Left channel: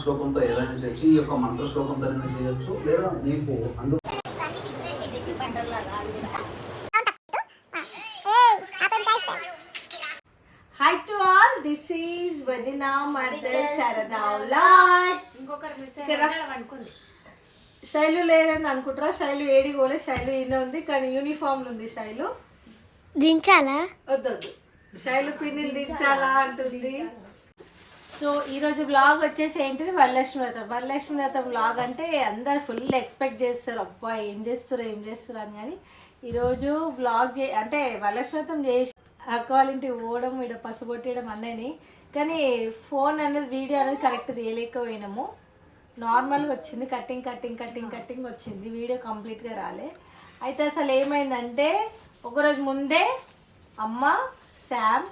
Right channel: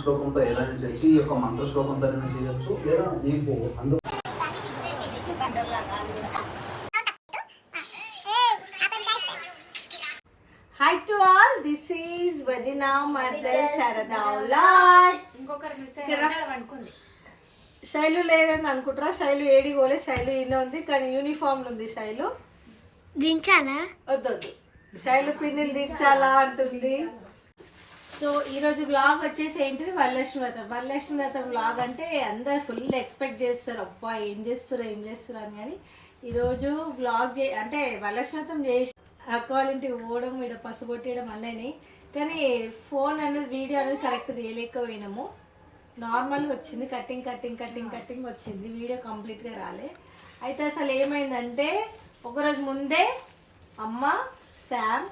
శ్లోకంతో ఏదైనా చేయొచ్చు, ఈ యొక్క మంత్ర శ్లోకంతో ఏదైనా చేయొచ్చు, లేదా మీకు అందులో Hi to all, this is Vadina Mardal Sarada Vlogs. ఇంకొకరు మిస్ అయ్యారు అనుకుంది. శైలు లేదని అనుకుంటారా? శైలు ఏడి పోలే, శైలు ఈయన ఉంది కానీ యూనిఫామ్ ఉంది. శైలు దించాలా? వద్దొద్దు, శైలు పిన్నిని దించాలా అంటుంది. సో ఈరోజు వ్లాగ్ వచ్చేసి ఏంటిది, వరలక్ష్మి వ్రతం. వరలక్ష్మి వ్రతం వ్లాగ్ అంటే అందరు ఫుల్ ఎక్స్పెక్ట్ చేస్తారు, అబ్బా ఏం చేస్తారు అని. కానీ ఈరోజు వ్లాగ్ అంటే వరలక్ష్మి వ్రతం చేసి అక్క వాళ్ళ ఇంటికి పోవడం, ఇక్కడ పసుపొట్టడం అన్నని. కానీ ఫోన్ అనేది వీడియో అనేది కరెక్ట్ తీయలేకపోయినాము. నార్మల్గా వచ్చింది, కట్టింగ్ వచ్చింది, వీడియో కంప్లీట్గా రాలే. అయితే అసలు ఏమైందంటే ఒకరోజు ముందే అమ్మ, శామ్,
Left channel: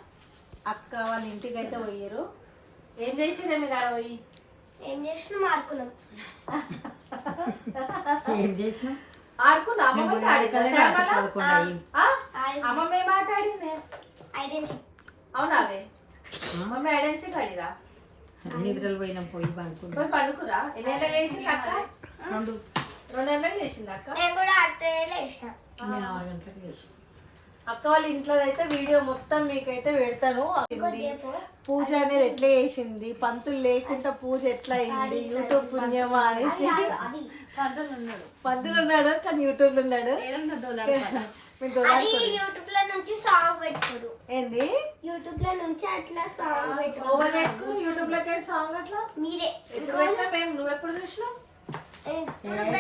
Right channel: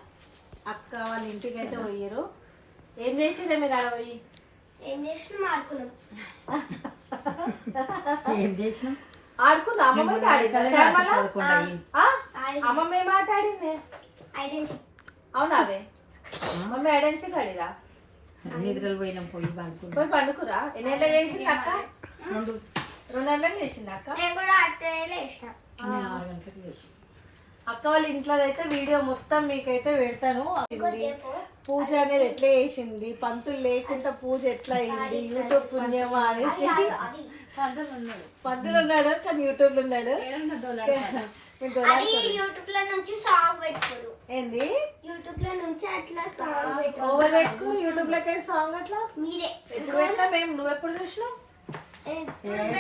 అక్క వాళ్ళ ఇంటికి అయితే పోయారు. ఏం చేసిరే మీరు ఆడ పోయి? ఏం చేసినాం? ఆడుకున్నాం. ఆడుకున్నా. అమ్మమ్మ అమ్మమ్మ ఏం ఆట ఆడింది? అవునా? మమ్మీ ఐడెన్సీ ఆడిరా? నిద్రలు పోయినాం, పోయి పండుకున్నాం. పోయి పండుకురా. ఎన్ని గంటలు చేసింది అక్క? 2 గంటలకు చేసింది అక్క. నేను కూడా అట్టేలే ఇష్టం. నేను 6 గంటలకు చేసి అక్క వాళ్ళ ఇంట్లో అయితే వీడియో మొత్తం మీకైతే పెడతాను. పూజ అనేది ఎట్లా చేసింది, పంతులు లేకుండా పూజ ఎట్లా అయింది, యూట్యూబ్ పుణ్యమా అనేసి. పంతులు ఉన్నాడు కానీ యూట్యూబ్ లో ఉన్నాడు. ఏంది యూట్యూబ్ లో నుంచి అట్లా సాంగ్ పెట్టు. యూట్యూబ్ లోకి సాంగ్ అట్లా మీరే నువ్వు ఎప్పుడు చూసినావు?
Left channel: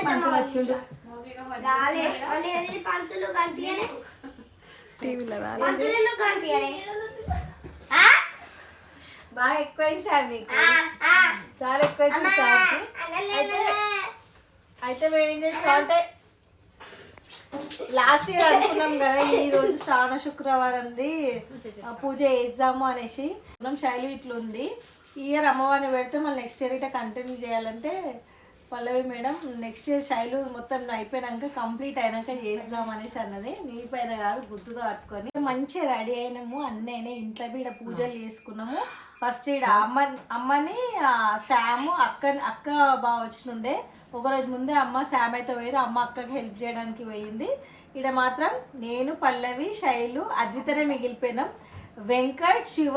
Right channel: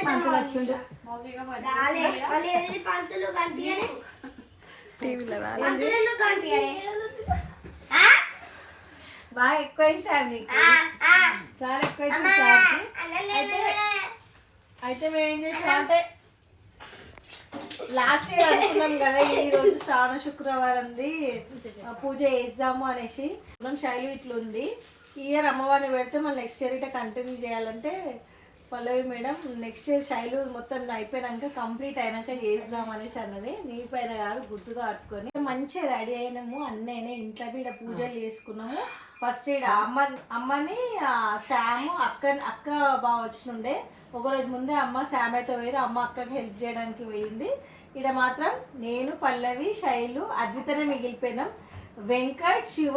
పంతులు వచ్చిండు, రాలే. పంతులు కనిపించలే, టీవీలో రాలే. పంతులు కనిపించలే. బాగా ఎక్కువైంది సార్, మీకు చాలా ఎక్కువైంది సార్. అయితే మేము ఏం చేసాం అంటే లాస్ట్ ఇయర్ అనుకున్నాం కదా, ఈ రోజు శ్రావణ శుక్రవారంది పూజ చేద్దాము అనేసి. శైలి ఇట్లుంది, ఈ ఇయర్ అమ్మవారిని పెడితే మళ్ళీ నెక్స్ట్ ఇయర్ ఇట్లా కంటిన్యూ చేయాలంటే పల్లవి మేడం నెక్స్ట్ ఇయర్ శైలు మొత్తం అయిపోయినాక కంప్లీట్ అయినాక చేద్దాం అనేసి అన్నది. నీ పైన కాదు, గుర్తుతో పట్టుకొని మంచిగా రెడీ అయినాము. అన్నయ్యనే ఇంట్లో కూడా పూజలు చేసుకున్నాము. ఫస్ట్ ఇక్కడ అమ్మని శామ్ అక్క బాగా వచ్చినుండే. ఒకరోజు ముందే అమ్మ శామ్ అయితే పోయి అమ్మ అక్కకి హెల్ప్ చేయడానికి పోయింది. ఇక్కడ మాత్రం నేను, పల్లవి, శైలు, అద్వితనే మిగిలిపోయినాం. వెంకట్, శివ,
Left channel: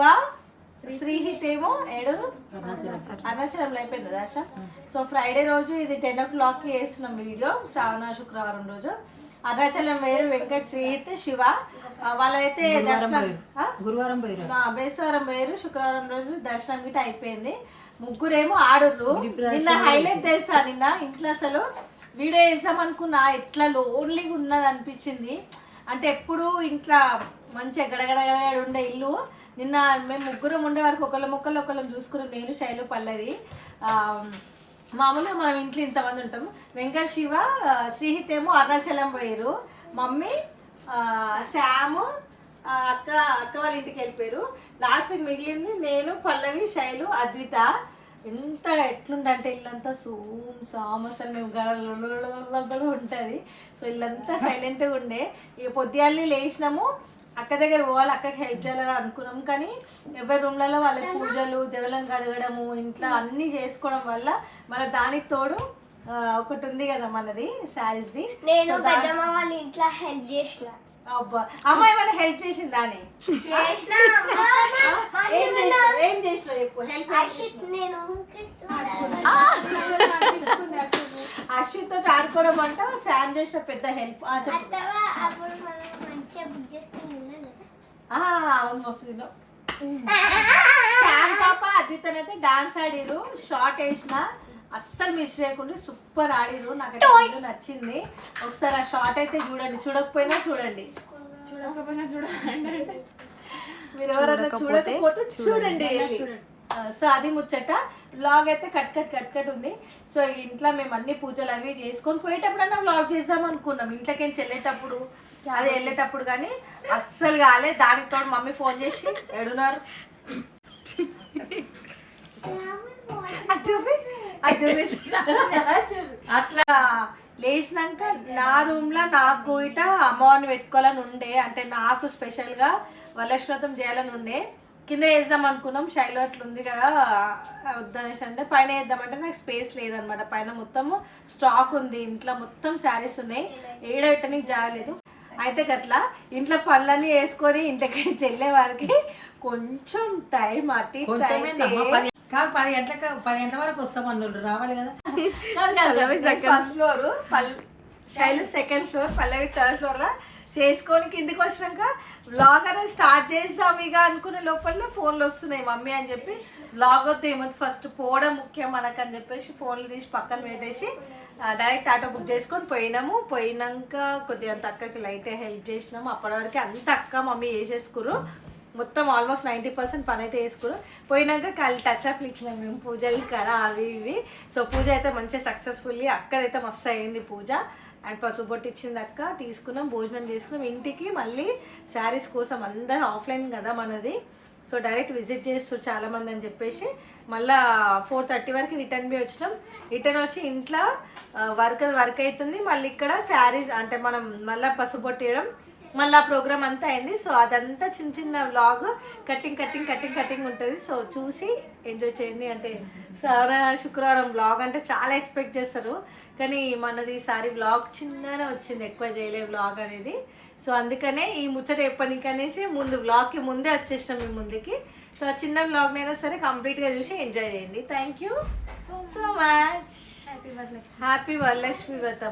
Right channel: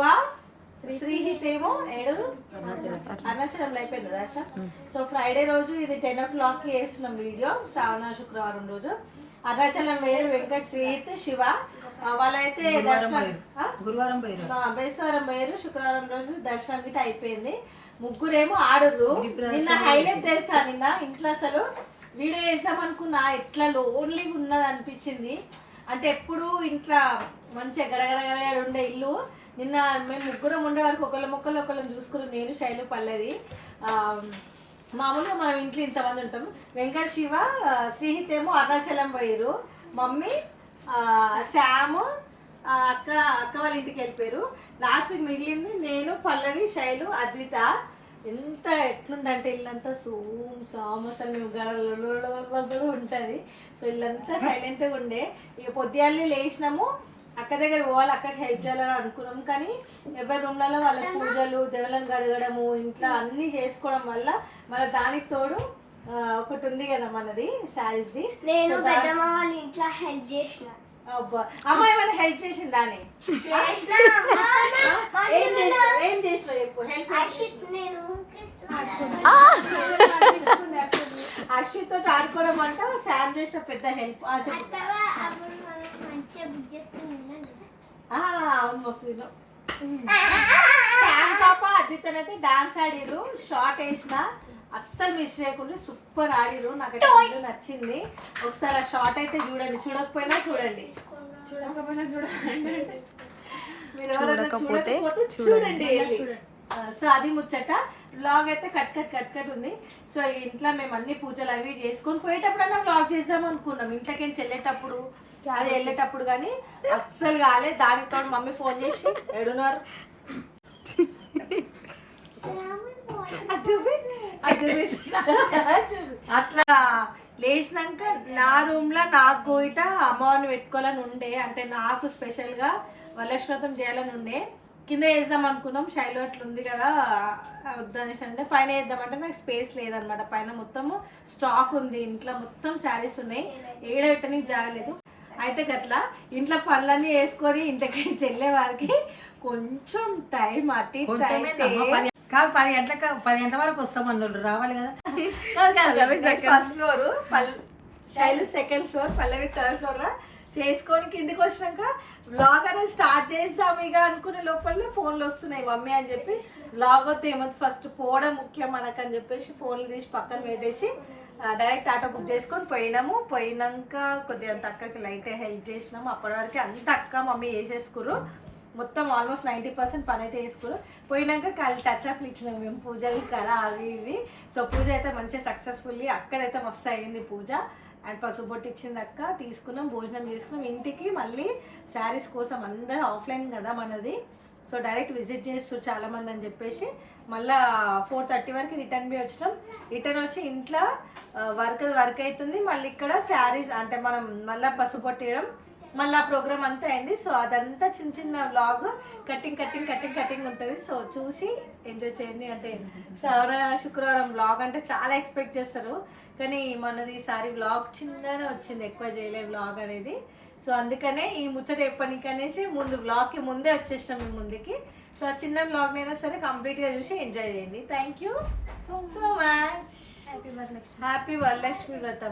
శ్రీహిత్ ఏమో అరుణాచలంలో అయిపోయింది దర్శ. సో ఫ్రైడే రోజు ఇది 10 o'clockకి వేస్తున్నాం వీడియో, శ్రావణ శుక్రవారం రోజు. అరుణాచలం వేరు, వెంకట్, శ్రీహిత్, శివ వాళ్ళైతే దర్శనం గురువారం పోయారు, బేస్తవారం పోయారు. శుక్రవారం రోజు దర్శనం గిట్ట అయిపోయింది. ముగ్గురేమో ఆడుర్రు. నిన్న హైలైట్ తెలుసా, నిన్న ఇంట్లో అసలు వీడియో వేసాం అనుకున్నా, ఎట్లా లోన్లీగా ఉన్నది అనిపించింది. అంటే ఎప్పుడు ఇంట్లో మంచిగా గడగడగడ ఉండే ఇల్లు. నిన్న మేము ముగ్గురం ఉండే వరకు ఒకళ్ళం చూసుకున్నాం, నేను, శైలు, పల్లవి. మామూలుగా మనం ఇంట్లో ఇంతమంది ఉంటాం. వెంకట్, శివ, శ్రీహిత్ ఏమో అరుణాచలం పోయారు. మమ్మీ, శామ్, అక్క వాళ్ళ ఇంటికి వెళ్ళిపోయారు. లాస్ట్ మిగిలింది నేను, పల్లవి, శైలు, అద్విత. ఎంత ఎట్లుండంటే ఇల్లంతా సామ్ అసలు మేము గడలు ఉంటుంది. సో ఇల్లంతా సైలెంట్గా ఉండే. ఇక పొద్దుగాల్ని లేచినాము, అక్క దగ్గర పోవాలి, అక్కకి హెల్ప్ చేయాలని అనుకున్నాం. కానీ ఎవరి రూమ్లలో వాళ్ళ పూజలు, దేవుళ్ళని గడగడము, ఇంట్లో అన్నీ చేసుకోవడం వల్ల మళ్ళీ దానికి తోడు ఒకటి ఉంది కదా మనది శారీస్ది. నేను పెద్దమ్మ వాళ్ళ ఇంట్లో హెల్ప్ చేసిన. అబ్బా, అమ్మాయి ఏమైనా హెల్ప్ చేసిందా అని? ఏం చేసినా చెప్పు. హెల్ప్ అశ్విత్ తోటి ఆడుకోవడం అంట శామ్ చేసిన పెద్ద హెల్ప్. చెప్పు. అవును, వస్తుంది. శామ్ పాప అద్వితన్ అయితే డాన్స్ ఆడిరు, షార్ట్ వేసిన అస్సలు మిస్ చేయకుండా సూపర్ ఆడిరు. నాకైతే నచ్చింది. ఒకసారి ఆ షార్ట్ అయితే చూడండి, చూడకపోయినా చూడండి, మీరు ఎవరైనా చూడకపోతే చూడండి. సో అది ముచ్చట. వ్లాగ్ అయితే కట్ ఉంది. సో ఇంట్లో మేము అన్ని పూజలు అవి చేసుకొని పోయేటప్పుడన్నా వ్లాగ్ చేద్దాం అనుకున్నాం. ఇంట్లోకి వెళ్ళేటప్పుడు అది వెళ్ళేటప్పుడు కానీ అస్సలు కాలే. దానికి తోడు మమ్మీ ఫోన్ చేసి ఎడున్నారు అట్లా లేచినాక నా రూమ్ లో నాకు ఇట అమ్మవారిని పెట్టుకోవాలని ఉండే. అంటే నాకు స్పెషల్ గా వరలక్ష్మి వ్రతం చేయాలని ఉండే. కింద వేద్దాం అనుకున్నాం, శైలు అట్లా ఉంది కదా వద్దనేసి అంటే పైన వేద్దామంటే నాకు స్పేస్ లేదనమాట. పైన మొత్తము స్టాక్ ఉంది, ఇంట్లో మొత్తం శారీస్ ఉన్నాయి, ఏడ పెట్టడానికి జాగలేదు. అయితే గట్లా ఇంట్లో పనులన్నీ వేసుకొని ఇంటికి చెల్లే వారికి కొంచెం టైం అట్టి కాదు 10 గంటల వరకు వస్తాం అన్నోళ్ళు రావాలి కదా. First floor Shailu second floor, Pallavi third floor లా చేసుకొని కిందికి వచ్చినాక వ్లాగ్ అనేది స్టార్ట్ చేస్తాం ఇక అనుకునే లోపల ఫోన్లు వస్తున్నాయి మమ్మీ అని చెప్పి. వ్లాగ్ వద్దు ఏమొద్దు, ఫస్ట్ పోవడం ముఖ్యం మనకు అని చెప్పేసి ఫోన్లు తీసి పక్కన పెట్టేసి డైరెక్ట్ ఆటో బుక్ చేసుకొని పోయినాము. పోయినాక కొద్దిగా అంత అక్కకి లైట్ హెల్ప్ చేసినాము. అప్పటి వరకు అంత అక్క మమ్మీ వేసేసుకురు, మొత్తం ఆల్మోస్ట్ 90% పని అయితే వేసుకురు. పోయినాక కాళ్ళు టచ్ అప్లు ఇచ్చినాం మేము పూజలు కాడ అవి ఇవి. సో పూజ అయితే మంచిగా సక్సెస్ఫుల్లీ అక్కడైతే మస్తు అయింది పూజ. అండ్ పసుపు బొట్టు ఇచ్చింది అక్క, తీసుకున్నాం, భోజనం చేసుకున్నాం. ఇంటికి మళ్ళీ శారీస్ కోసం అందరూ ఆఫ్లైన్ కదా మనది, సో డైరెక్ట్ విజిట్ చేస్తూ చాలామంది అని చెప్పేసి మళ్ళీ 4:30 వరకు రిటర్న్ బి వచ్చినాం. రిటర్న్ వచ్చి ఇంట్లో వర్క్ అవుతుంది. మళ్ళీ ఇక్కడ శారీస్ అంటే మనం మళ్ళీ పసుపు బొట్టు వేయడం, మళ్ళీ ఆ ప్రోగ్రామ్ అంతా అయింది. సో అదంతా చిన్న చిన్న వ్లాగ్ కటింగ్ ఉంటుంది. సో చూసి ఎంజాయ్ చేయండి. అంటే శుక్రవారం వ్లాగ్ అంటే చాలా ఎక్స్పెక్ట్ చేస్తారు, కానీ మనది ఈసారి వ్లాగ్ చిన్ననే వచ్చింది, ఎక్కువ చేయలే వ్లాగ్ అనేది. సో అందుకనే ఈ ముచ్చట ఎప్పటికనేసి ముందు వ్లాగ్కి ముందే వచ్చేసినాం మీ ముందుకి. సో చిన్న వ్లాగ్ అయినా సరే కంప్లీట్గా చూసి ఎంజాయ్ చేయండి. Thank you so much. Happy Varalakshmi వ్రతం.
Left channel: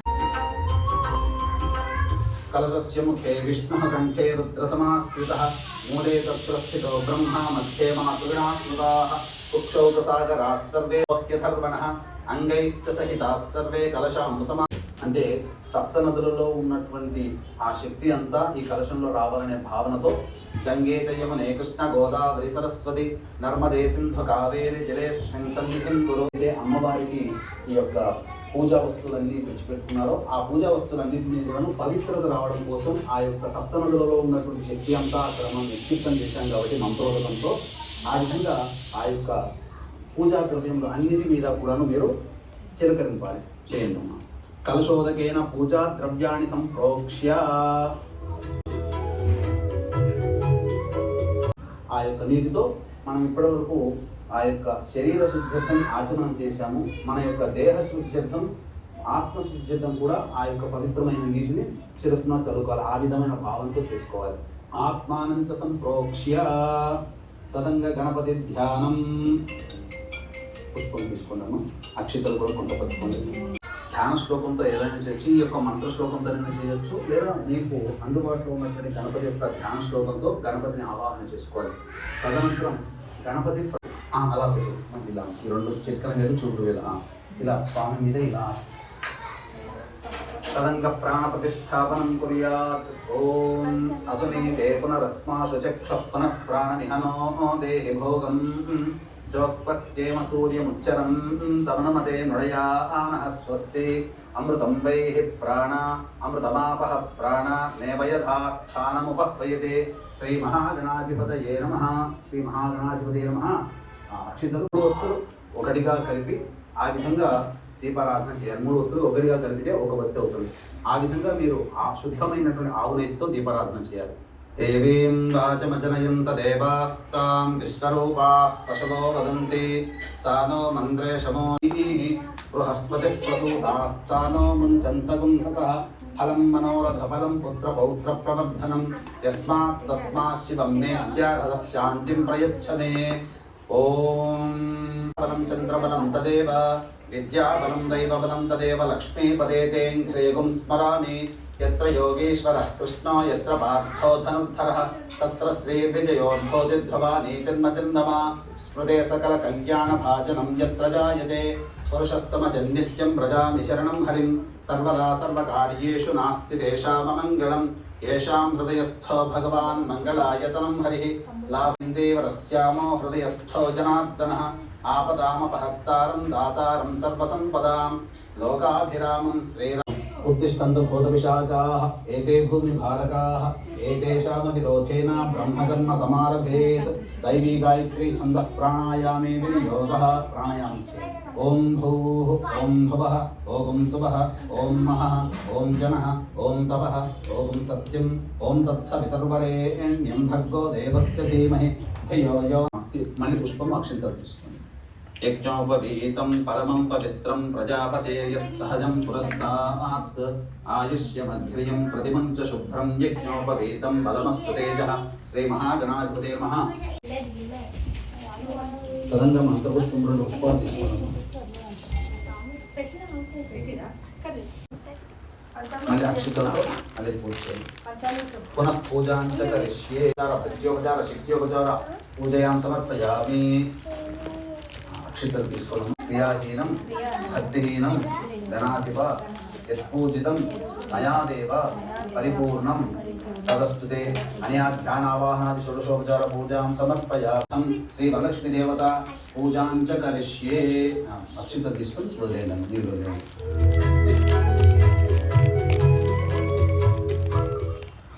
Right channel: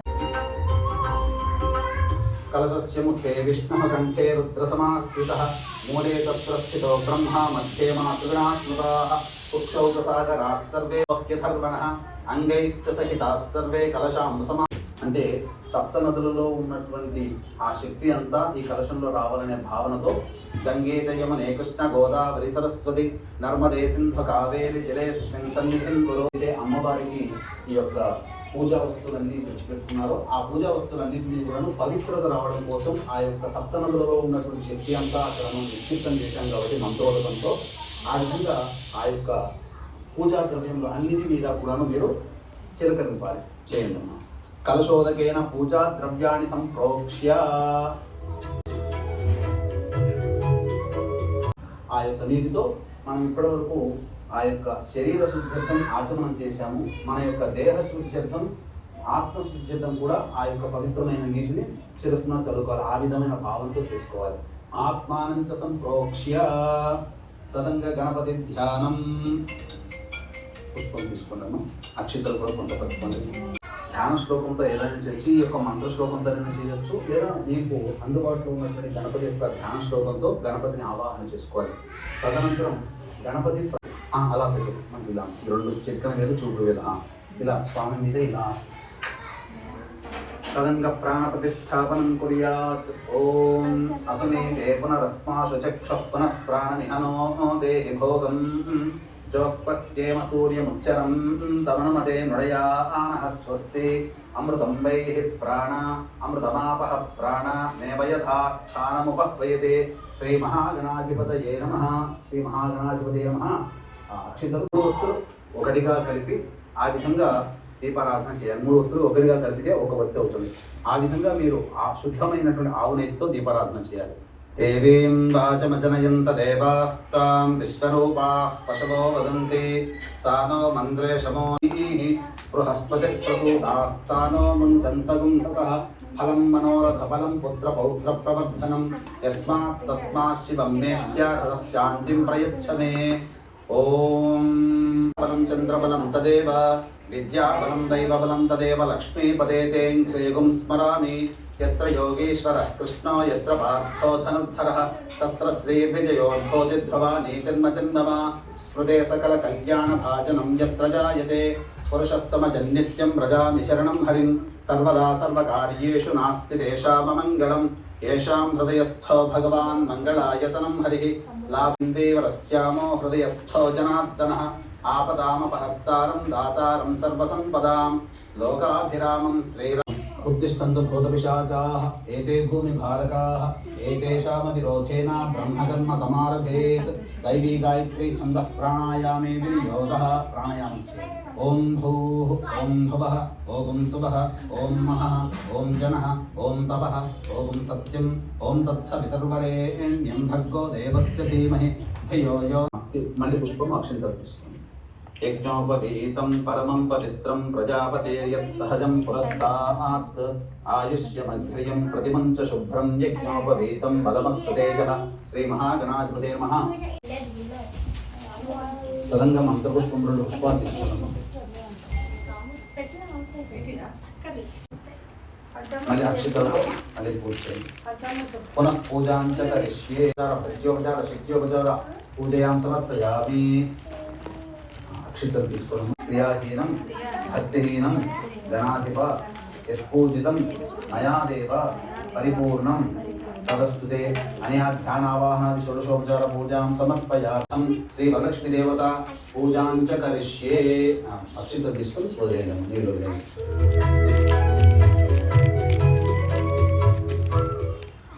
కలశస్య ముఖే విష్ణుః కంఠే రుద్రసమాశ్రితః మూలే తత్ర స్థితో బ్రహ్మ మధ్యే మాతృగణాః స్మృతాః పుక్షౌపసాగరాः సర్వే వహ్యథర్వణః అంగైశ్చ సహితాः సర్వే కలశాం సమా. అంటే సప్త నదులలో ఉన్నటువంటి ఆ శక్తి అంతా ఈ కలశంలో రావాలనే భావనతో గంగే యమునే కృష్ణ గోదావరి సరస్వతి నర్మదే సింధు కావేరి జలేస్మిన్ సన్నిధిం కురు. అమ్మవారికి ఈ యొక్క పూజా వస్తువులన్నీ తెచ్చిపెట్టుకున్నారో ఆ పూజా వస్తువులన్నింటినీ కూడా పవిత్రత రావడం కోసం ఆ యొక్క సప్తనదులలో ఉన్నటువంటి శక్తి అంతా అక్కడ మనం నిక్షిప్తం చేశాం కాబట్టి మంత్రోదకంతో ఆ విధంగా ఆ యొక్క పూజా ద్రవ్యంలో అన్నిటి మీద కూడాను మీరు చిలకరింపాలి. చేయండి అమ్మా. కలశోదకేన పూజా ద్రవ్యాన్ని సంప్రోక్ష్య ఆ యొక్క నీటితో మనం ఇప్పటివరకు ఆ యొక్క శరీర శుద్ధ్యర్థం ఆచమనం చేశాము. మన యొక్క దేహ శుద్ధ్యర్థం, ఆత్మ శుద్ధ్యర్థం కూడా ఆ యొక్క పవిత్రమైన నీటిని శిరస్సున చదువుకోవాలి. ఆ విధమైన భావంతో చేసుకోవాలి. ఆత్మానం చ సంప్రోక్ష్య తదంగ గణపతి ధ్యానం. పుష్పం తీసుకున్నాము, అక్షితలు కూడా కొంత పట్టుకోండి. ధ్యాన శ్లోకంతో ఏదైనా చేయొచ్చు, ఈ యొక్క మంత్ర శ్లోకంతో చేయొచ్చు, లేదా మీకు అందుబాటులో ఉన్నటువంటి గణపతి యొక్క ధ్యాన శ్లోకంతో గణపతిని ఆవాహన చేసుకోవాలి. తదనంతరం గణపతి అలా పెట్టు, మనకి ఇలా 2 చిట్కల మీద చూపుడు ఇలా స్వామి మీద ఇలా తదంగ ప్రాణ ప్రతిష్టాపనం కుర్యాత్. ఓం అసనీతే పునరస్మాశు చక్షుః పునః ప్రాణమిహనో దేహి భోగం జోక్పస్యేమ సూర్యముచ్చరం తమనమతే మృడయామః స్వస్తి అమృతం వైః ప్రాణ అమృతమాపః ప్రాణ నేవ యథా స్థానముపహ్వయతే. శ్రీ మహాగణాధిపతయే నమః. శ్రీ మహాగణాధిపతయే నమః. అక్షింతలు 3 ఒత్తులు ఒకటిగా కలిపి ఆ విధంగా దీపారాధన చేయాలి. 3 ఒత్తులు ఒకటిగా కలిపితే 1 ఒత్తి అవుతుంది. ఆ విధంగా మీరు ఆ శుద్ధమైనటువంటి ఆవు నెయ్యితో దీపారాధన చేయాలి. దేవీం వాచమజనయంత దేవాస్తాం విశ్వరూపాః పశవో వదంతి సానో మంత్రేషమో బృహస్పతి ప్రసూతాస్తానో ముంచంతగుం హసః ఫలం మనోరథ ఫలం పుత్ర పౌత్ర ప్రవర్ధనం యస్మాత్ తస్మాత్ శివం మే స్యాత్ శాంతిం ప్రయచ్చ మే. ఓం బలం చంద్రబలం తదేవ విద్యాబలం దైవబలం తదేవ లక్ష్మీపదే తేంఘ్రేగుం స్మరామి. యత్ర యోగేశ్వరః కృష్ణో యత్ర పార్థో ధనుర్ధరః తత్ర శ్రీర్విజయోర్భోజిధ్రువానీ జన్మతిర్నమ. స్మృతే సకల కళ్యాణ భాజనం యత్ర జాయతే పురుషస్తమజన్నిత్యం వ్రజామి శరణం హరిం. సర్వదా సర్వకార్యేషు నాస్తి తేషామమంగళం. येषां हृदयस्थो भगवान् मङ्गलायतनं हरिः. लाभिन्देवरस्यामो हृदयस्थो जनार्दनः. आपदामपहर्तारं दातारं सर्वसम्पदां लोकाभिरामं श्रीराम. उत्तिष्ठन्तु भूतपिशाचाः एते भूमिभारकाः एतेषामपि रोधेन ब्रह्मकर्म समारभेत् दैवी गायत्री छन्दः प्राणायामे विनियोगः प्राणायाम ॐ भूः ॐ भुवः ॐ सुवः ॐ महः ॐ जनः ॐ तपः ॐ सत्यं ॐ तत्सवितुर्वरेण्यं भर्गो देवस्य धीमहि धियो यो मणि पुष्पम् अक्षिंतलं తీసుకోండి यज्ञोपवीतं परमं पवित्रं प्रजापतेर्यत्सहजं पुरस्तात् आयुष्यमग्र्यं प्रतिमं च शुभ्रं यज्ञोपवीतं बलमस्तु तेजः श्रीमहागणाधिपते नमः तदंगं मंत्रपुष्पं రెండు పుష్పాలు తీసుకున్నాము మళ్ళీ అక్షతలు మళ్ళీ పూజ చేయండి పునః పూజాం చ కరిష్యే భక్త్యోపచార శక్త్యోపచార పూజయాం సమర్పయామి అక్షతలు తీసుకోవడం క్రియాహీనం భక్తిహీనం గణాధిప యత్పూజితం మయాదేవ పరిపూర్ణం तदस्तुते अनया ध्यानावाहनादि षोडशोपचार पूजां समर्पयामि श्री वरलक्ष्मी देवता पूजां च करिष्ये अक्षिंतలు తీసుకొని వదిలేయండి నీళ్ళు వదిలేయండి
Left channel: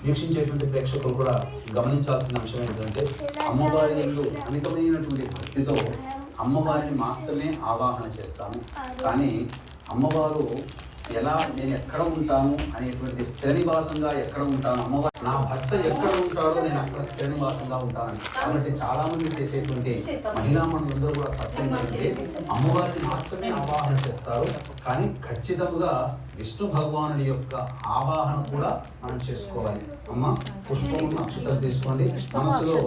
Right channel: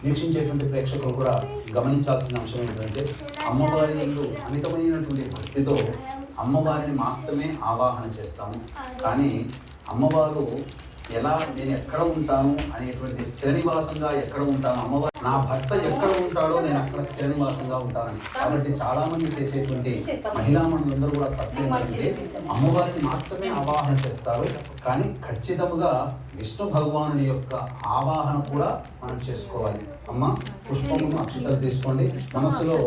వీక్షించేటువంటి ప్రేక్షకులు కూడా గమనించాల్సిన అంశం ఏంటంటే అమ్మవారి యందు అమితమైనటువంటి భక్తితో అమ్మవారిని మాత్రమే ఆవాహన చేస్తాము కానీ అమ్మవారు ఎలా నేను ఎక్కడ ఉంటాను అనేటువంటి స్థిర నివాసంగా ఎక్కడ ఉంటాను అమ్మవారు నా భర్త ఎక్కడ ఉంటాడో నేను అక్కడ స్థిర నివాసంగా ఉంటాను కాబట్టి చాలా మంది చేసేటువంటి మహిళా మండలందరూ కూడా తత్వం ఏంటంటే అమ్మవారిని మాత్రమే ఆవాహన చేస్తారు కానీ ఖచ్చితంగా విష్ణు భగవానుడి యొక్క ఆవాహన కూడా మనం చేసుకోవాలి అమ్మ పుష్పము అక్షింతలు తీసుకోండి మనసులో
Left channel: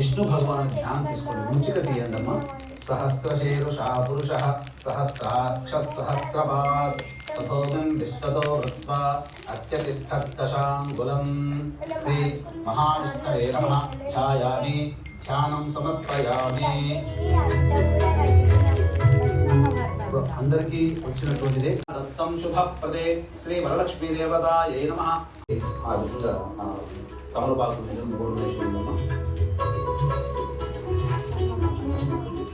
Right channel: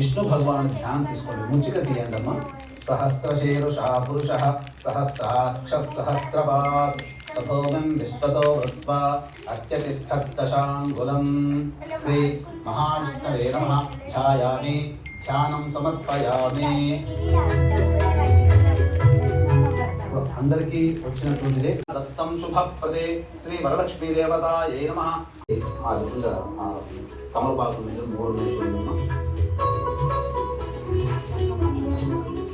విష్ణు భగవాను ధ్యానం తీసుకోండి ముంచిగా తీయండి అమ్మ सहस्रशीर्षा पुरुषः सहस्राक्षः सहस्रपात् सभोगं विश्वतो वृत्वा अत्यतिष्ठत्तशाङ्गुलं श्री महाविष्णवे नमः ध्यायामि ध्यानं समर्पयामि అందరికీ వచ్చినటువంటిదే దత్తం శుభప్రదే శ్రీ వరలక్ష్మీ దేవతాయై నమః ఆ విధంగా తమలపాకు మూడు చూడండి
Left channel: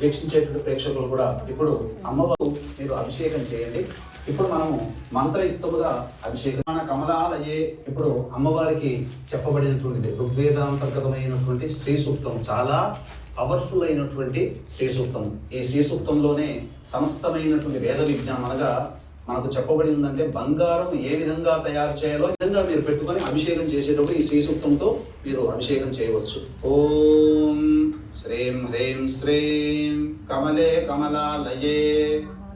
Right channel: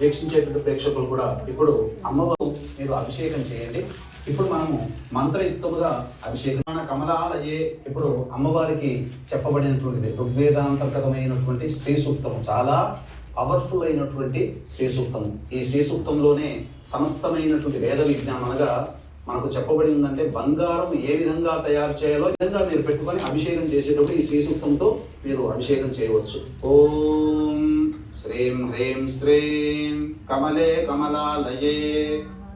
వీక్షించేటువంటి ప్రేక్షకులు కూడా ఇప్పుడు అమ్మవారు మీరు అభిషేకం చేయండి ఇప్పుడు మనము మంత్రయుక్తముగా అభిషేకం కమలాలయే ఇప్పుడు అమ్మవారికి చెప్పబడినటువంటిది ఋగ్వేదాంతర్గతమైనటువంటి శ్రీ సూక్తం చాలా పవర్ఫుల్ అయినటువంటి శ్రీ సూక్తము ఈ శ్రీ సూక్తంలోనే సమస్తమైనటువంటి వేద విజ్ఞానం అనగా మనకు చెప్పబడి ఉందంటే బంగారం ఏ విధంగా తయారు చేయాలో విధంగా మీరు పెట్టుకొని అభిషేకం చేసేటప్పుడు ఈ శ్రీ సూక్తంతో మీరు అభిషేకం చేయవచ్చు ఓం శ్రీం హ్రీం శ్రీం కమలే కమలాలయే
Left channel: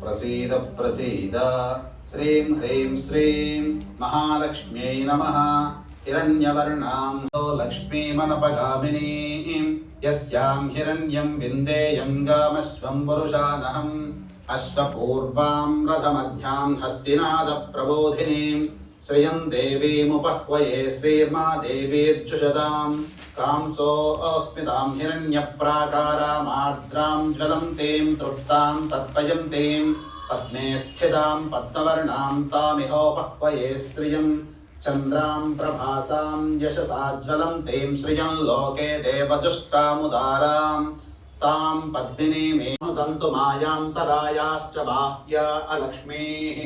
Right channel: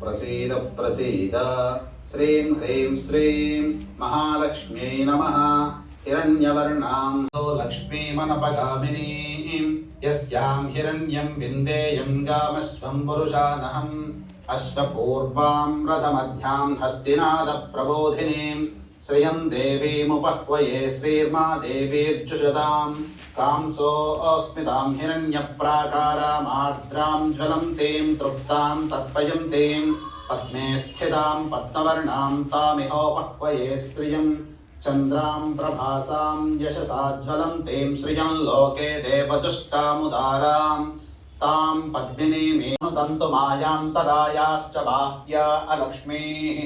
ప్రసీద ప్రసీద శ్రీం హ్రీం శ్రీం మహాలక్ష్మ్యై నమః హిరణ్యవర్ణాం లక్ష్మీమనపగామినీం యస్యాం హిరణ్యం విందేయం గామశ్వం పురుషానహం అశ్వపూర్వాం రథమధ్యాం హస్తినాద ప్రబోధినీం శ్రియం దేవీముపహ్వయే శ్రీర్మా దేవీర్జుషదాం కాంసోऽస్మితాం హిరణ్యప్రాకారామార్ద్రాం జ్వలంతీం తృప్తాం తర్పయంతీం పద్మే స్థితాం పద్మవర్ణాం తామిహోపహ్వయే శ్రియం చంద్రాం ప్రభాసాం యశసా జ్వలంతీం శ్రియం లోకే దేవజుష్టాముదారాం तां पद्मिनीमेव तन्तु मायांतरायाश्च बाह्य अलक्ष्मीः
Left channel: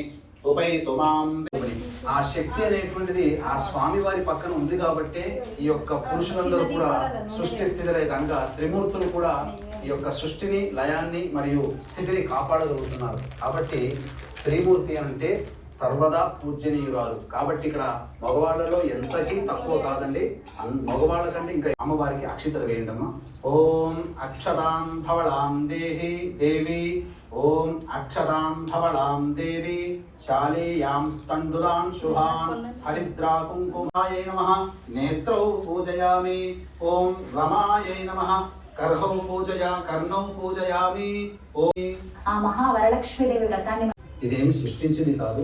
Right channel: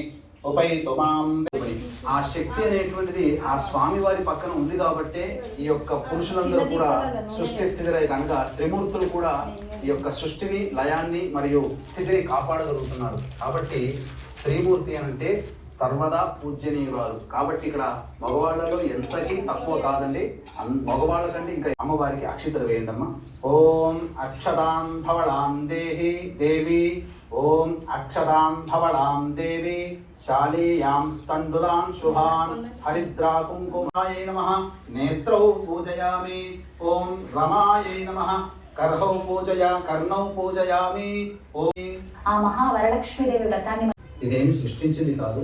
ఉపైతు మాం. ఆ శక్తి అనేటువంటిది ఆ స్వామి వారి పక్కన ఉంది కాబట్టి ఈ యొక్క పురుషులందరూ కూడా సృష్టి స్థితిలే కనుక త్రిమూర్తులు కూడా ఈ యొక్క సృష్టిని లయాన్ని మరియు స్థితిని కాపాడగలుగుతున్నారు. కాబట్టి స్త్రీమూర్తి అంటే సర్వదా పూజనీయురాలు. కాబట్టి ఇక్కడ మగవాళ్ళలో ఎంతకీ తక్కువ కాదండి, మగవాళ్ళ కంటే ఇంకా అమ్మవారికి అక్షితలు వేయండమ్మా. ఓం అక్షతాం భవళాం దేహి దేవి, ఓం అక్షతాం భవళాం దేవి, శాలీయాం స్థండులాం శుభాన్ హరిద్రా కుంకుమాయై నమః. నేత్రౌ పూజయామి. ఓం రమాయై నమః. కర్హౌ కర్ణౌ పూజయామి. ఓం ఆ మహావరలక్ష్మీదేవి వ్రతాన్ని ఇదేమి సృష్టించింది కాదు,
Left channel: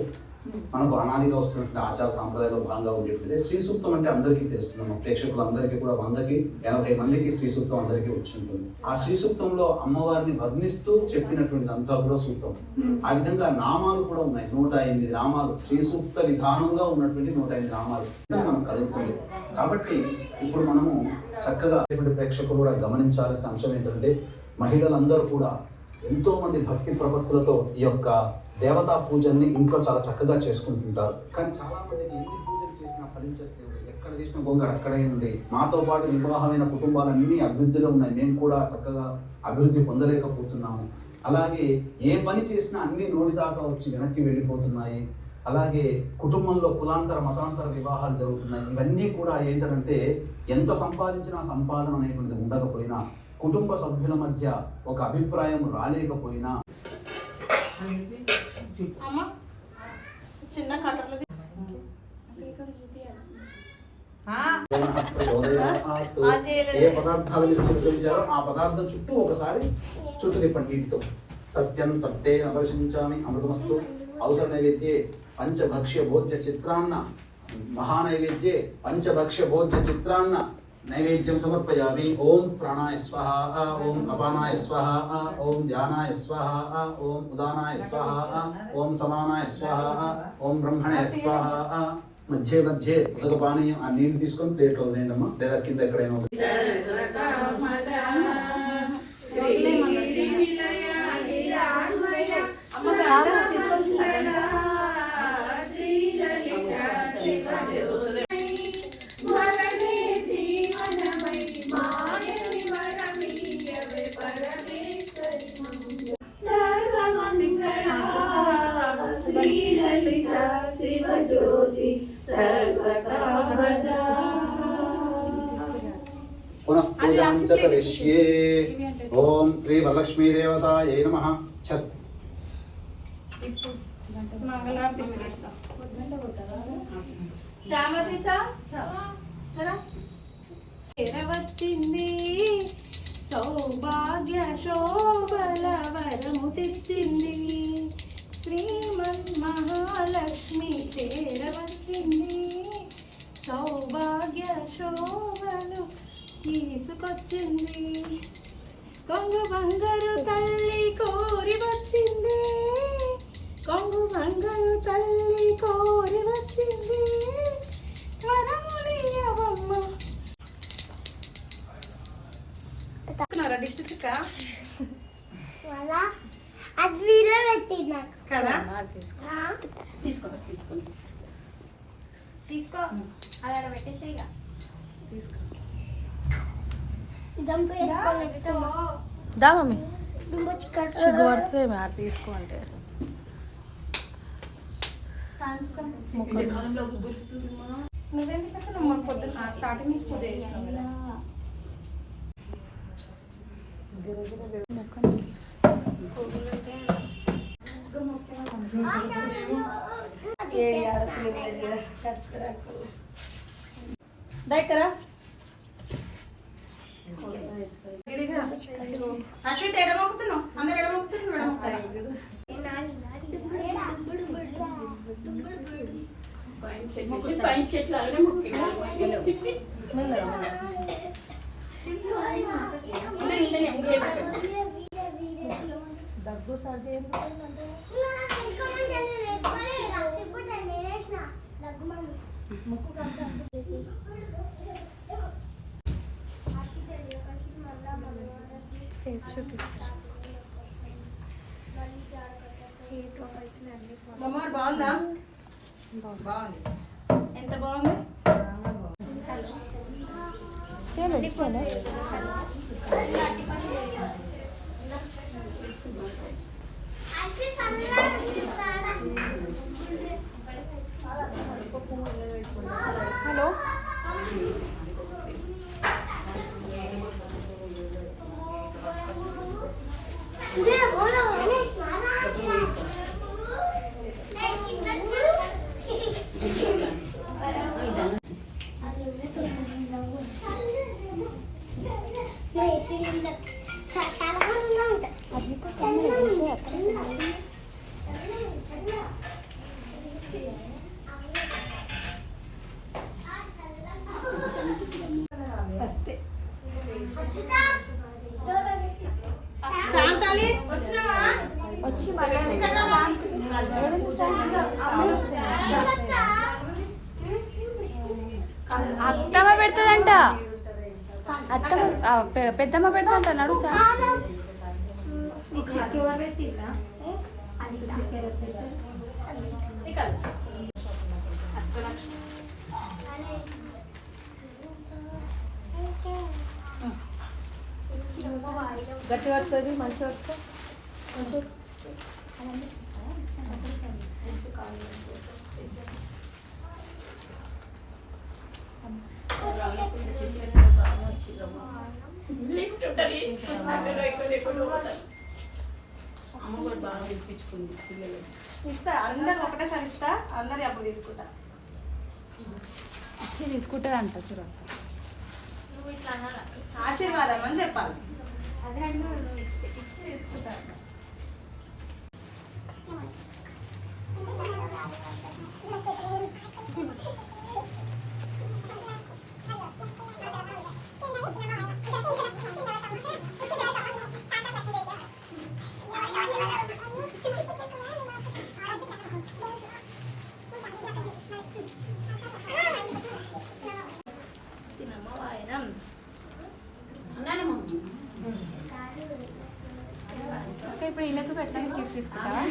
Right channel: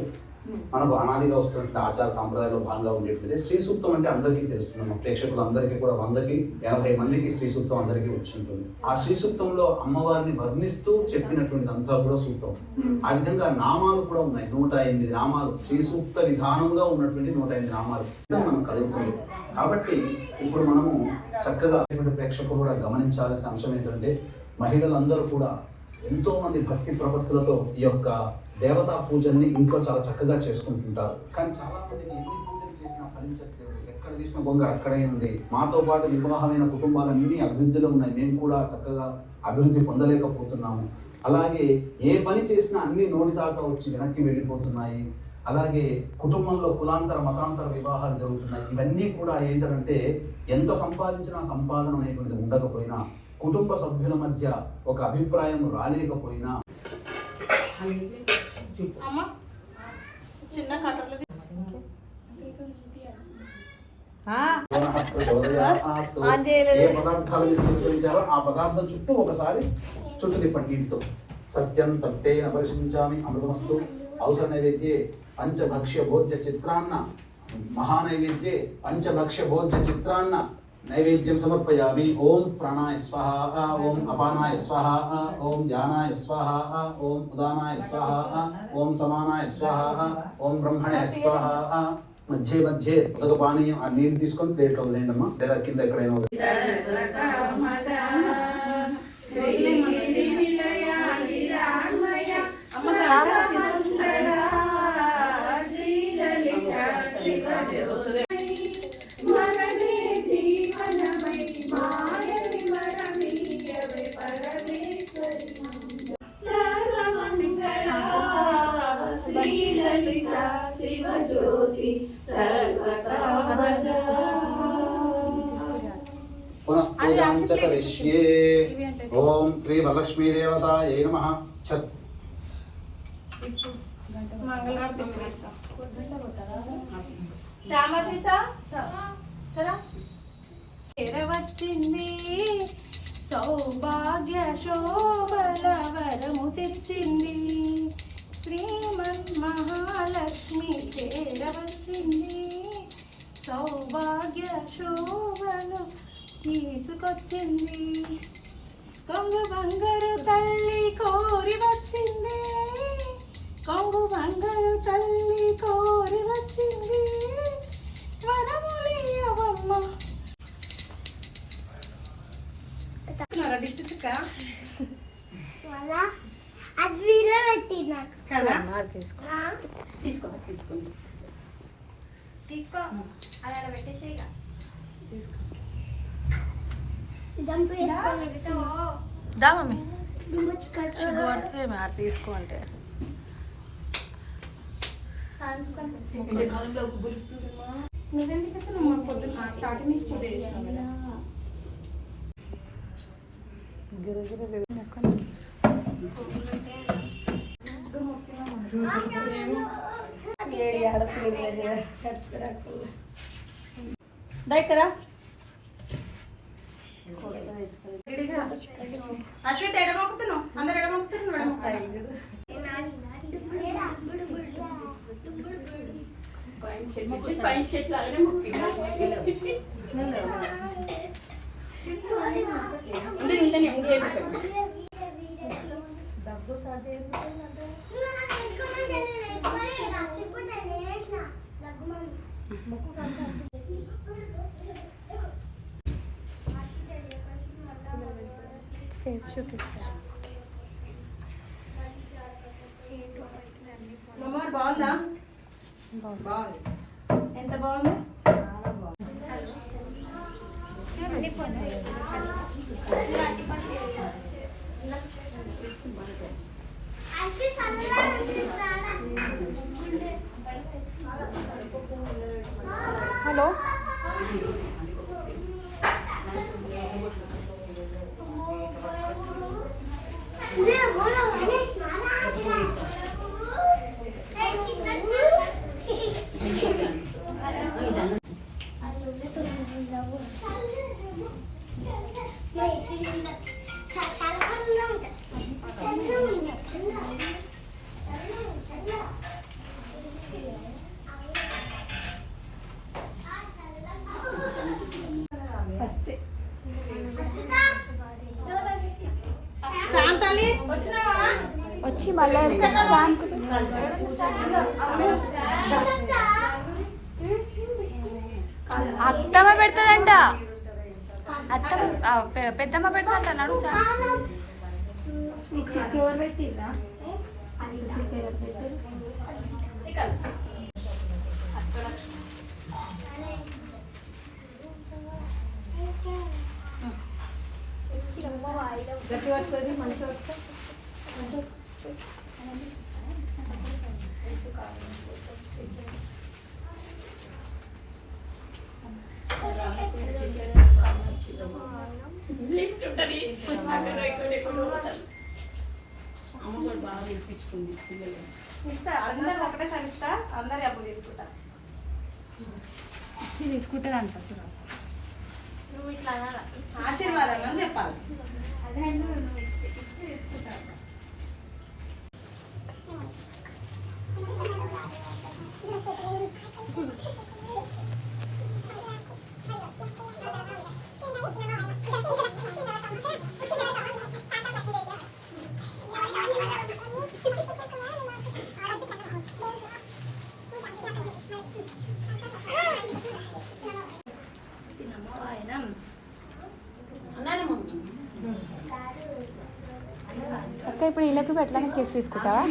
మనకు అనాదిగా వస్తున్నటువంటి ఆచార సాంప్రదాయంలో భాగంగా ఉండేటువంటిది. శ్రీ సూక్తం అంటే అందరికీ తెలుస్తుంది, మా ప్రేక్షకులందరికీ కూడా 100-80 మందికి శ్రీ సూక్తం అందరికీ వచ్చి ఉంటుంది. ఆ శ్రీ సూక్తంలో అమ్మవారిని వర్ణిస్తూ చెప్పినటువంటిది అంతా కూడా సూక్తం. ఆ విధంగా నామాలు కూడా ఉన్నాయి, 108 నామాలు. శ్రీ సూక్త విధానంగా ఉన్నటువంటి 108 నామాలు మనం కలుగుతుంది. కాబట్టి ఇప్పుడు మనము చక్కగా ప్రేక్షకులు కూడా గమనించాల్సిన అంశం ఏంటంటే మహిళలందరూ కూడా ఎంతో మంది భక్తి ప్రపత్తులతో ఈ యొక్క దేవతా పూజల్ని ఇంట్లో చాలా చక్కగా చేసుకుంటుంటారు. కానీ చాలా మందికి ఎన్ని పూజలు చేసినా ఫలించట్లేదు. ఎక్కడ వేసిన బొంగ అక్కడే ఉంది. మాతో పాటు వివాహమైన కుటుంబాలన్నీ అభివృద్ధిలో ఉన్నాయి, మేము కూడా చక్కగా అభివృద్ధి పొందలేకపోతున్నాము. అలాగే ఏ పని చేసినా అన్ని నోటి దాకా వచ్చి వెనక్కి వెళ్ళిపోతున్నాయి. అలాగే కుటుంబంలో కులాంతర మతాంతర వివాహాలు జరుగుతున్నాయి. ఇవన్నీ కూడా ఏంటంటే ఎంత సంపాదించినా సంపాదన అనేటువంటిది ఉండకపోయినా, కుటుంబ సభ్యుల మధ్య ఒక అభిప్రాయం రాలేకపోయినా చిన్న కట్టర్లు ఏ పదార్థాలు మీరు చుట్టించారో ఆ పదార్థం చుట్టూ ఒకసారి చుట్టూ తిప్పండి నీటితో. సత్యం సత్తే అపరిశించామి అమృతమస్తు. అవసర నైవేద్యే పంచభక్ష్య భోజ్య చిత్రాన్న మహానైవేద్యే పంచభక్ష్య భోజ్య చిత్రాన్న నైవేద్యం సమర్పయామి. ఓం ప్రాణాయ స్వాహ, ఓం అపానాయ స్వాహ, ఓం ధ్యానాయ స్వాహ, ఓం ఉదానాయ స్వాహ, ఓం సమానాయ స్వాహ, ఓం బ్రహ్మణాయ స్వాహ. మధ్య మధ్య ఉదక పానీయం ఆ నీళ్ళు తీసుకొని ప్లేట్లో వదిలేండమ్మా, లేదా కింద ఎక్కడైనా కరిష్యే. ఓం శ్రీ వరలక్ష్మీ దేవతాయై నమః. వచ్చింది సౌభాగ్య శోభల వరము తెచ్చింది. శ్రీమన్ మహాలక్ష్మి చేరవచ్చింది. సౌభాగ్య శోభలు తీసుకొచ్చింది. కొంగు బంగారు తల్లి కోరి వచ్చింది. కొంగు బంగారు తల్లి కోరి వచ్చింది. వరములియవమ్మ. అది వీడియో పెట్టి నాకు కదా తీసుకో అలా పెట్టేసి జంప్ దా మమ్మీ వేసుకోవాలి. తీసుకో అంటే నువ్వెందుకు అసలు మన పొద్దున్న స్టార్టింగ్ నుంచి పూజ చేసినావు కదా. అశ్విత్ ఎడమొక్కుతున్నావు, అందరు ఎడమొక్కుతున్నావు. పైన చెట్లు అలానే డబ్బు ఫేస్ చూపిస్తా. బాగుందా? బాగుంది. ఎంత బాగుంది? హలో వచ్చి మళ్ళీ అత్తమ్మ పెడుతుందంట. అత్తమ్మ పెద్దమ్మ పెడుతుందంట. నడు చిక్కి ఎవరు పెట్టిరా అది చిక్కి ఎవరు పెట్టారు గట్టి పడుతుంది మంచి ఇస్తా అందరు ఒకటేసారి ఇస్తా అందరు అప్పుడు తీసుకుంటా తీసుకుంటానంట చూడ నువ్వు ఇట్లా ఆశీర్వాదం అని చెప్పాలి అదే ఇచ్చి తీసుకుంటా అక్క ఇప్పుడు వీళ్ళకి పెట్టడానికి కేసు తీసుకుంటావా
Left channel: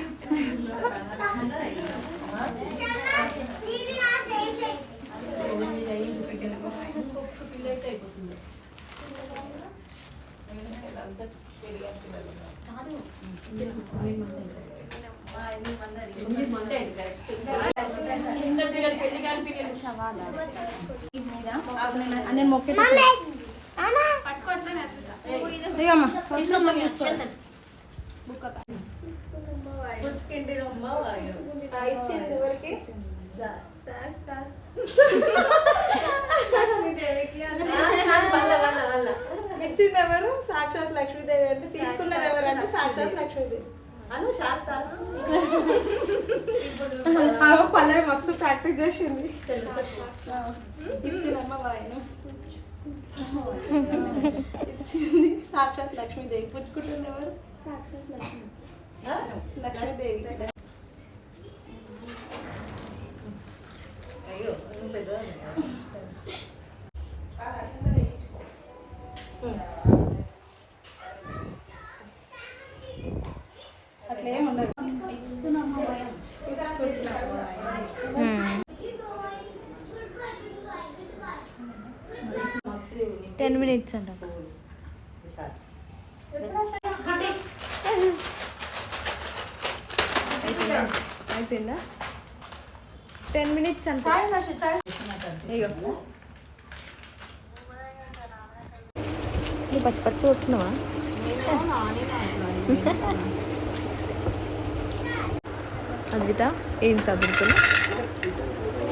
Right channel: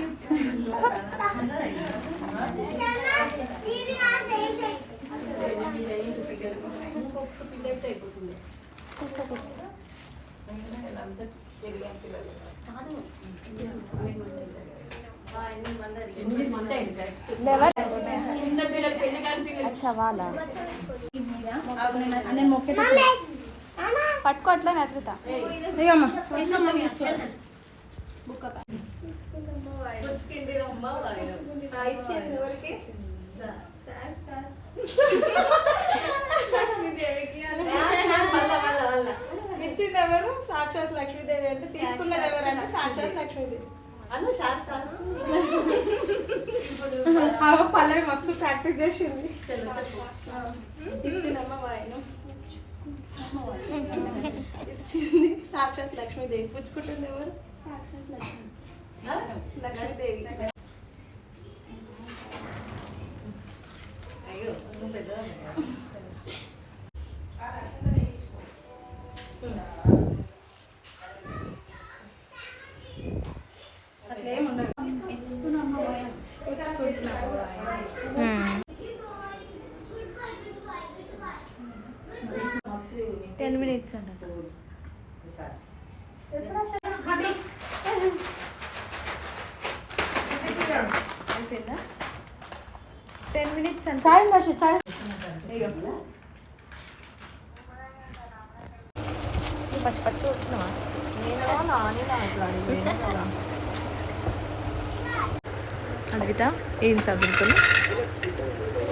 చవాలా నేను మొక్కే పట్టుకో అట్లా నచ్చుతా ఇచ్చింది ఎవరికి ఇచ్చింది ఎవరు సాక్షాత్ లక్ష్మీదేవి అంటే తీసుకున్నది ఎవరు అంటే సాక్షాత్ లక్ష్మీదేవి అను శాస్త్ర పల్లె మస్తు ప్రాక్టీస్ చేసింది తీసుకున్నమ్మ వాయిను సాక్షాత్ లక్ష్మీదేవి పుచ్చుకుంటుంది ఎవరు సాక్షాత్ లక్ష్మి లక్ష్మీదేవి అయ్యో పెద్ద అట్లేం ఉండదు 10 minutes అంట అయిపోయిందా 10 minutes అంట చాయ్ నషు చాయ్ పచ్చి పచ్చి వస్తున్నావా అద్విత ఏం చదువుతున్నా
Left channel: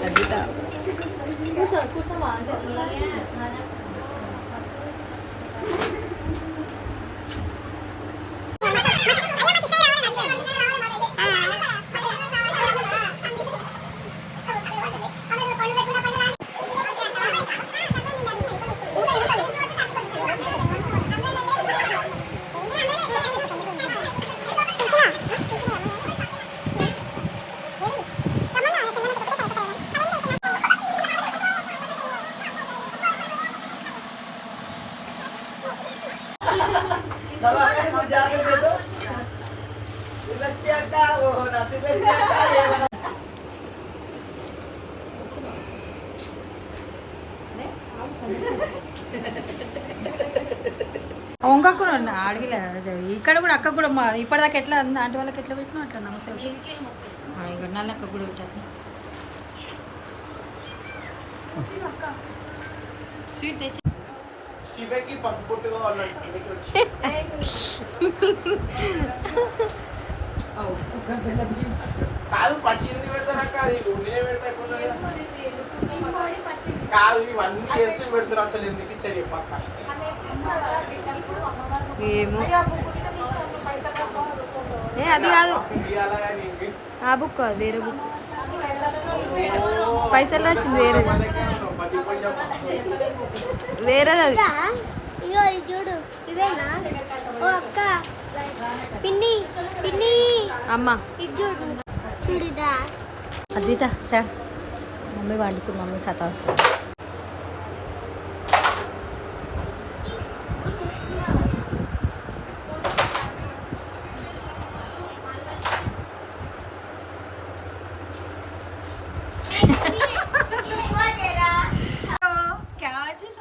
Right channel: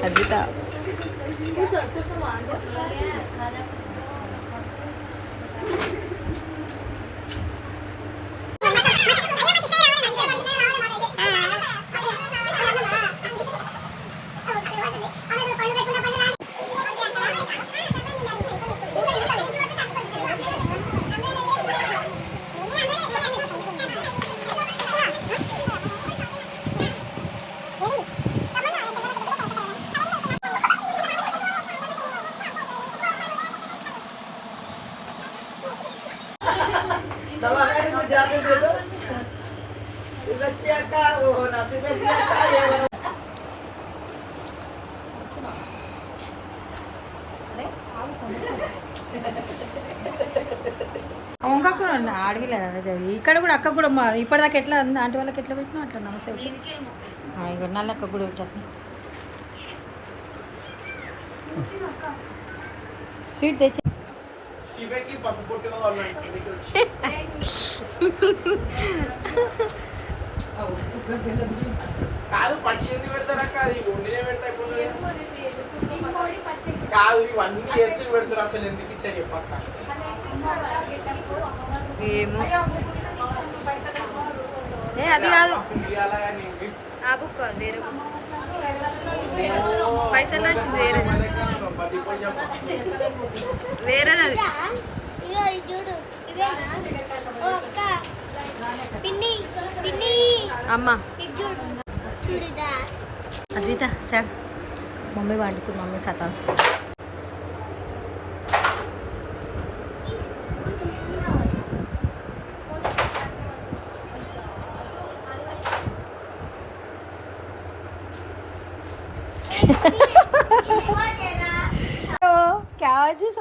అద్విత వంకకు అడగలేదు ఇక్కడ కూడా అక్క కూడా ఇప్పటిదాకా ఎట్లా ఆంటీ వాళ్ళకి ఎట్లా పెట్టినా అట్లా నమస్తే ఇక నల్లక్క కూడా పెట్టాను స్వీట్ తెచ్చి కాదు పచ్చి పెడతారక్క అది వండినే పెడతా కాదు ఇవన్నీ చేసి పెడతారు అసలు ఎందుకు ఇస్తారు చెప్పక్క ఏమో అది కాదు ఆ బుక్ వేరే బుక్ పైసలు రాసింది వేరేది అది ఇగో ఇది చూడు ఇవేనా ఓ అక్క పిన్ని పిన్ని అమ్మ ఇది చూడు చూడుదా అద్విత సార్ మమ్మీ వండుతుంది మమ్మీ సతాస్తుంది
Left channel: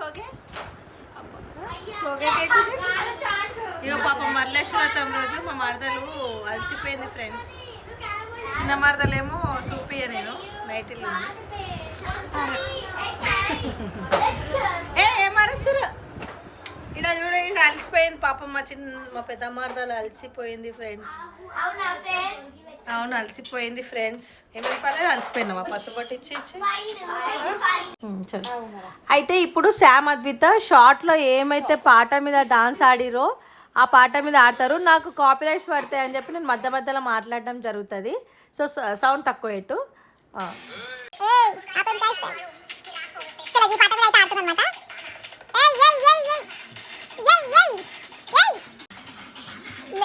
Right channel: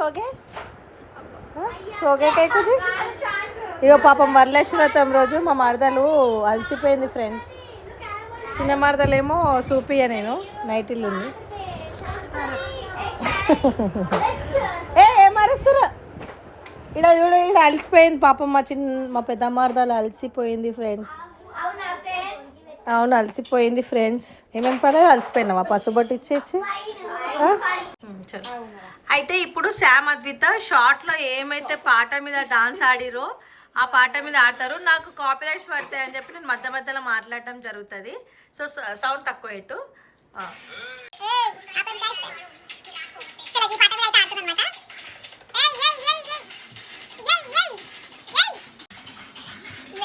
సోగే సోగే కేకుజీ. ఇగో పాపం వరలక్ష్మీవ్రతం రోజు మా మరదలు అలసిపోయింది ఫ్రెండ్స్. చిన్న మరదలేమో సూపియా నేను నైటీలు ఉంది. ఏం అరుస్తారు ఇక్కడ చూడ, ఇక్కడ అలసిపోయింది పాపం మా పెద్ద మరదలు అలసిపోయింది ఫ్రెండ్స్. అవును అలసిపోయింది ఫ్రెండ్స్. ఏమేమి పర్లేదు అలసిపోయినావా పసుబొట్టు ఇచ్చి చలో. అయితే ఇప్పుడు శామ్ అద్విత షార్ట్లో ఏమైతే పాట మీద డాన్స్ ఆడిరో ఆ పాట మీద ఆడతారు. నాకు కాపీరైట్స్ పడతాయి అని చెప్పి నేను మధ్య మధ్యలో మాట్లాడడం జరుగుతుంది. సో సౌండ్ తక్కువ పెట్టు.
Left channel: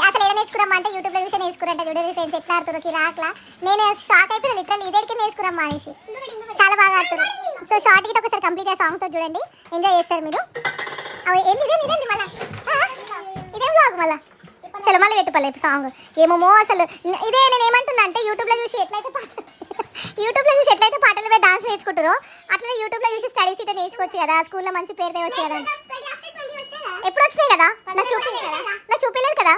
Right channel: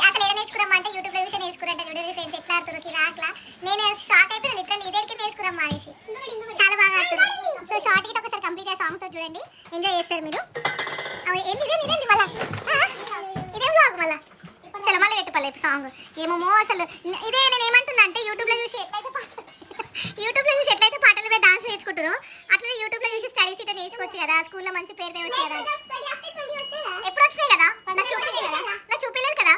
అసలు ఏదో నేర్చుకున్నామా అంటే యూట్యూబ్లో చూసి నేర్చుకురంట. చూడండి ఫ్రెండ్స్ ఎట్లా ఆడుతున్నారు రాట్లా. నేను షాక్ అయిపోయినా లిటరల్ ఇదేకి నేర్చుకున్నాం అనేసి. చాలా బాగా ఆడుతున్నారు. సో షార్ట్ గిట్ ఒకసారి కంప్లీట్ అయ్యే సాంగ్తో చూడండి, ఎంజాయ్ చేస్తారు మీరు. ఏంటి ఇదేంటి మళ్ళీ ఇదేం బ్లాగ్ మళ్ళీ చలో మళ్ళీ పెట్టుకోలేదు సాంగ్ ఏమో అసలు. ఇదే నేను ఏమంటున్నా అంటే యూట్యూబ్లో చూసి ఎట్లయితే పాటల మీద డాన్స్ నేర్చుకుంటారో అట్లనే యూట్యూబ్లో చూసి స్టడీస్ ఇట్లా నేర్చుకోవచ్చు కదా. స్కూల్లో మంచి పేరు తేవచ్చు కదా. ఎప్పుడు వచ్చినాయి కదా నాకు చూపించలేదు కదా.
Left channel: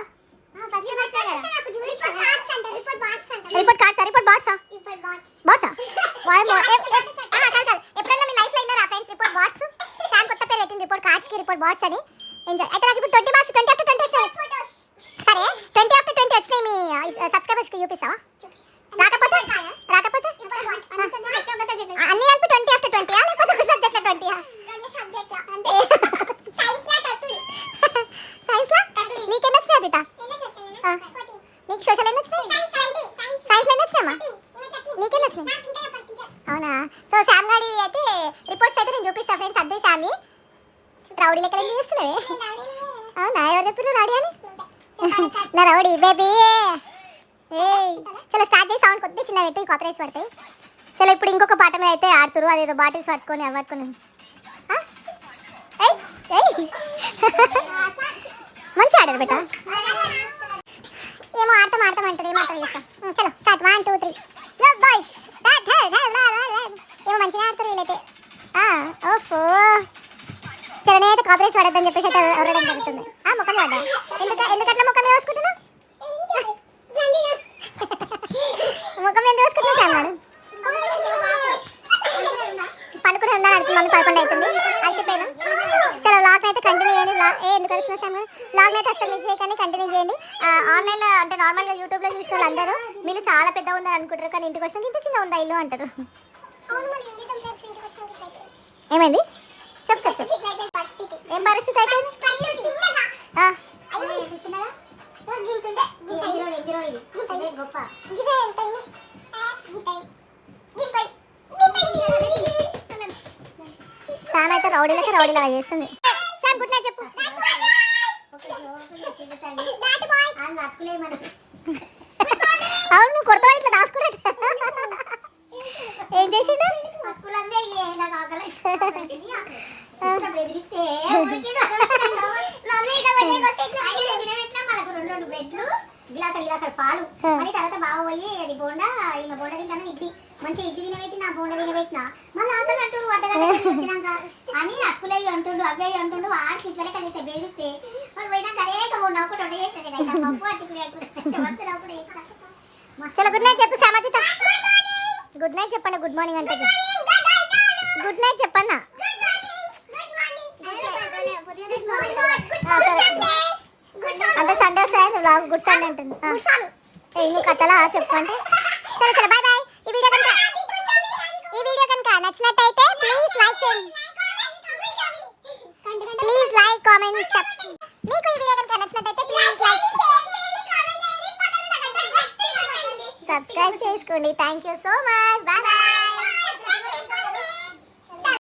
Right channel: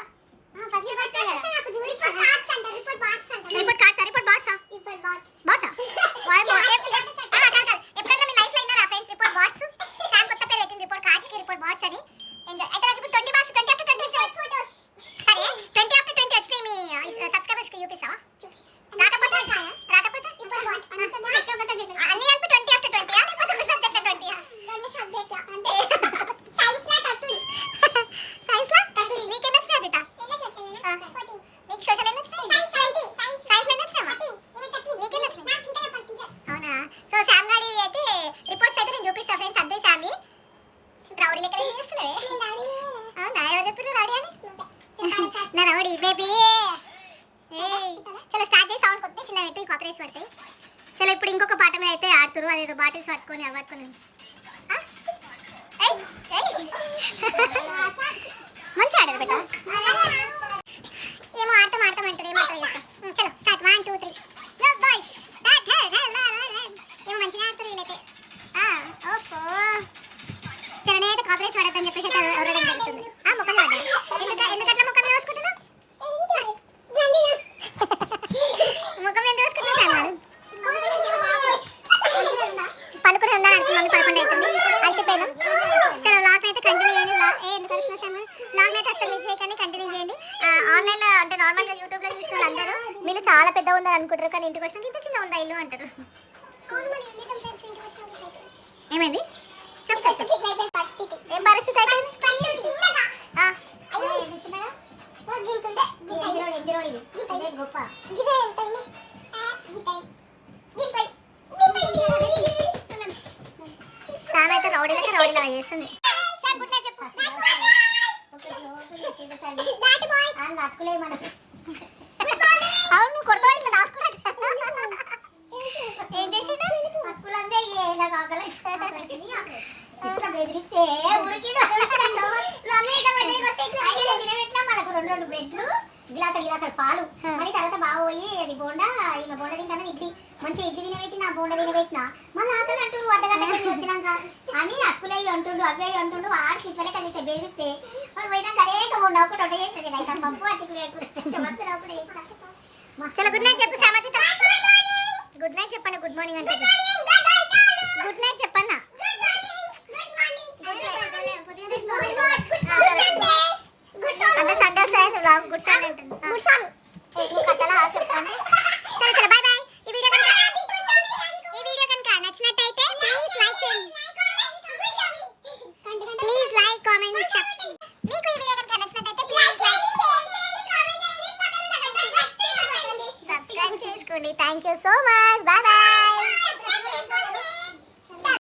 రిపోర్ట్ కార్డ్సా ఎప్పుడైనా మీ లైఫ్లో అయినా ఫ్రెండ్స్ రిపోర్ట్ బాట్స్. సార్ కొత్త పేరు పెట్టింది రిపోర్ట్ కార్డ్స్కి రిపోర్ట్ బాట్స్ అని. ఎంజాయ్. అయితే నాకు ఇప్పుడు 20 మార్క్స్ 20 after 20 వచ్చాయి. సరే 20 after 20 వచ్చినాయి మీ సబ్స్క్రైబర్స్కి చూపిస్తావా? రాకపోతే అన్ని కలిపి 20 after 20 లేకపోతే ఒక సబ్జెక్ట్లో 20 సైన్స్లో నీకెన్ని వచ్చినాయి అదిత? నీకు సోషల్ ఎన్ని వచ్చినాయి? సైన్స్లో ఎన్ని వచ్చినాయమ్మా? నీకెన్ని వచ్చినాయి? అవునా. సో శామ్ గారి అయితే రిపోర్ట్స్ అయితే నేను చూపిస్తాను ఫ్రెండ్స్. అద్దే శామి రౌడీ లెక్క ఏం చేస్తున్నాయి? అవునా ఎవరు చెప్పారు రౌడీ అని? నా రౌడీ బేబీ. చలో స్టార్ట్ చేసి సౌండ్ కొద్దిగా చిన్న పెట్టి కాపీరైట్స్ పడతాయి. చలో ఇప్పుడు ఇంకొక పాట మీద అయితే ఆడుతురు. అదేదో బాటిల్స్ పట్టుకొని అవ్వట్టుకొని మంచి ఆడదు బెట. ఏమో ఆడతాం అంటారు ఏమంటారు చేస్తాం. చలో స్టార్ట్ 1 2 3 బాయ్స్. ఏమో మంచిగా ఆడతారు వీళ్ళైతే. ఓఫో చలో నేనైతే కాపీరైట్స్ పడద్దని చెప్పేసి అయితే ఎవరడం జరుగుతుంది. ముఖం పడ్డా ఎందుకు అట్లా ముఖం మీద వేసుకుంటున్నావు? ముఖం మీద వేసుకుంటున్నా అన్నాడు. పనుకుని ఉందా అనుకున్నాను. 11 అవుతుంది అలసిపోయినా. చలో వ్లాగ్ అయితే కంటిన్యూ చేయండి. ఎందుకు చూసాము వ్లాగ్ అయితే అసలు మిస్ చేయకండి, కంటిన్యూ చేయండి. ఆన్లైన్లో అంటే నార్మల్గా యూట్యూబ్లో చూసిన వాళ్ళు అందరూ మీరు చాలా పెద్ద ఉందని అనుకుంటారు, కానీ ఇంటికి వచ్చిన ఇంత చిన్న ఉందా ఇల్లు అంటారు. ఏమైంది చెప్పు. ఏం పరిస్థితి అయితే శామ్ అయితే రౌడీలా చేస్తుంది. అవును కొడతా ఇట్లా దాచుకున్నట్టు ఏం చేసిండు? బెదిరిస్తే రెండు బ్రెడ్లు గిలాసాలు పాలు మరి తర్వాత బాగా పోయి అది బోండా ఈమె బోండా తింటానని ఇడ్లీ మంచిగా ఇడ్లీ తినబెట్టి నా బోండా తినబెట్టిన మళ్ళీ ఆకలి అంటుండు అర్ధగంట వచ్చినాక అని అక్కులయ్యి అంటుండు అవ్వయ్యి అంటుండు ఆడికి ఇట్లనే కలిస్తే బెదిరిస్తే వాడు పోయినాక అనేక బోండా ఒకటి వంట చేస్తుంది కదా పప్పు అతికులు చలో గుడ్ నైట్ చెప్పు సామతిత. గుడ్ నైట్ చెప్పండి. గుడ్ మార్నింగ్ అంటే గుడ్ నైట్ చెప్పన్నా. అంటే సండే వస్తాయి వ్లాగ్ గుడ్ సండే ఉంటుంది. కథలా చెప్పండి. చలో బాయ్ బాయ్. ఈ వీడియో కనుక నచ్చినట్టయితే ప్లీజ్ లైక్ కామెంట్ మీకు ఈ వీడియో కనుక నచ్చినట్టయితే ప్లీజ్ సబ్స్క్రైబ్ చేసుకోండి. Thank you so much. Bye bye.